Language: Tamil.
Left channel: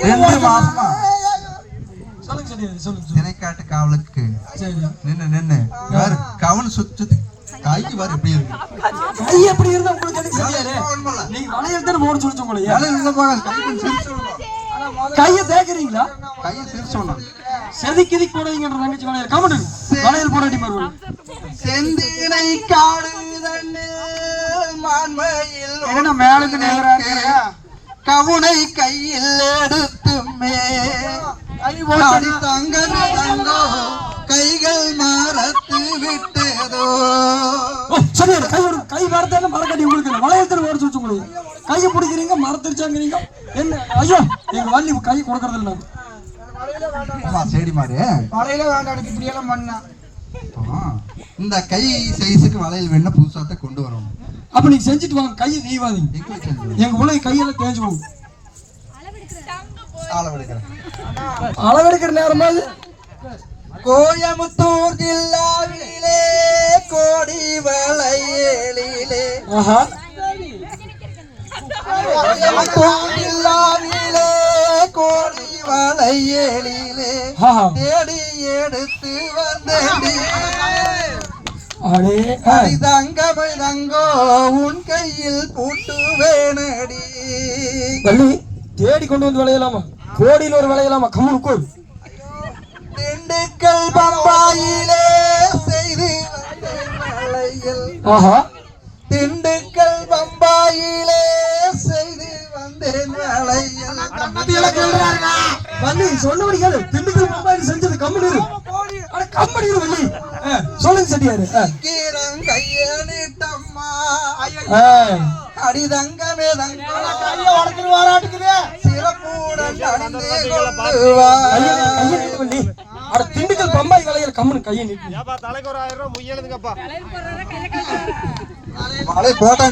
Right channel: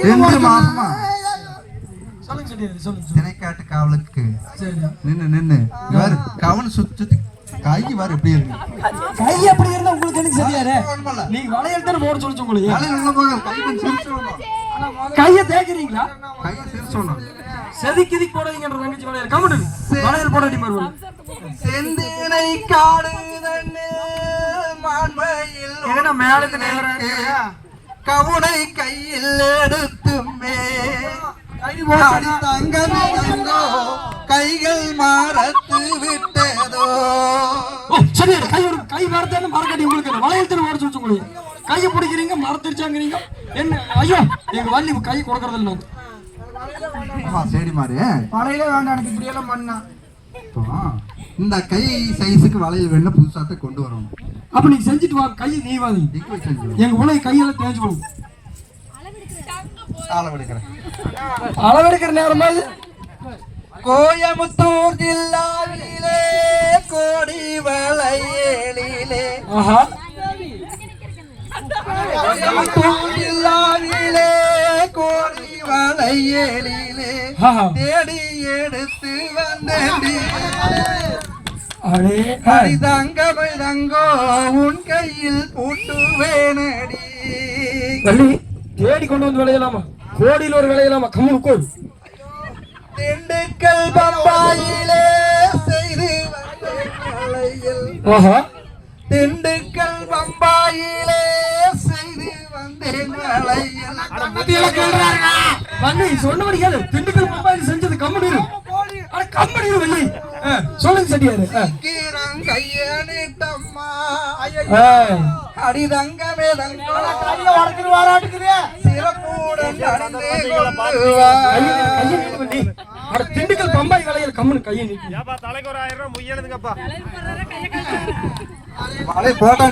ரெண்டு மாசமா. திணைக்காட்டு காவலுக்கு. நின்னு நின்னு. வேற கவனம் சுத்தி சுத்தி கை வேற எப்படி இருக்கு. கை எப்படி இருந்தா உங்களுக்கு எனக்கு சரியாரு. நீங்க வளையல் தானே போட சொல்லி உங்களுக்கு? வேலை நல்லா பாருங்க கை கொஞ்சம் சிரிச்சு விடணும் கையை தேய்க்கிறீங்களா? கையை சிரிச்சு விடணும் செதுக்கி எதுக்கு போடுறீங்கன்ற தங்கச்சி வளையல். கமெண்ட் வளையல் போடாட்டி பாருங்க செந்தினை காடுதன்னு மான்மையில் என்ன மேலுக்கு நேரா இருக்கிறா? கவுனை கையில் எடுத்துமே. அடி தங்கமே தங்கோ கைகள் மறத்து விட்டதோ. சரி கை ஒரு கை மரத்தான மரக்கட்டி உங்களுக்கு. இல்லை வளையல் தானே ஓடிச்சு வச்சு உங்களுக்கு கையை பிடிக்கிறீங்க மரத்திருச்சாங்கிறீங்க என்ன? ஐயோ எங்க வள்ளி கை கொடுக்கறது இல்லை சரி மாறு. வளையல வேண்டாம் எனக்கு இப்படி எல்லாம் பண்ணா இந்த கை சைஸுக்கு வளையல் வேணும் புதுசாத்த கொண்டு வரணும். அப்ப நீங்க செஞ்சுட்டு வாங்க கையை நீ வாங்க. எங்க உள்ள கையெல்லாம் தேஞ்சு போகும். அளவெடுக்கிற நேரமா கோயமுத்தூர் ஜில்லாவிலே கோடி வளையலிலே. ஆஹா. கோயமுத்தூர் ஜில்லாவிலே கோடி வளையலிலே. ஆஹா. தேடி எடுத்து வந்தேன். தங்கமை தங்கோ உன் கையில் பூட்டுவேனடி. வள்ளி தேடி கொண்டு வந்து விளையலாமா? கோடியில் ஒரு விளையலாமா? கம்முனு கோடி திண்டுக்கல் பம்பாயிலே செய்து ஆஹா. திண்டுக்கல் பம்பாயிலே செய்து வந்தேன் வள்ளி சொன்னபடி கேளு. திண்டுக்கல் பம்பாயில் செஞ்சது கம்முனு இரு. அட கம்முனு இரு வள்ளி. சொல்லுங்க செட்டியாரு. ஆ. கீரம் கையணிட்டம்மா ஆ. அடி தங்கமே தங்கோ சிறப்புடன் அணிந்து கொண்டு வா கையை நீட்டு, கையை நீட்டு வள்ளி அட திண்டுக்கல் பம்பாய் கலையில் கம்முனு கையை நீட்டு. தலைக்கு ஒரு ஆயிரம் ரூபாய் முய்யணுங்கப்பா மழை போட்டாங்க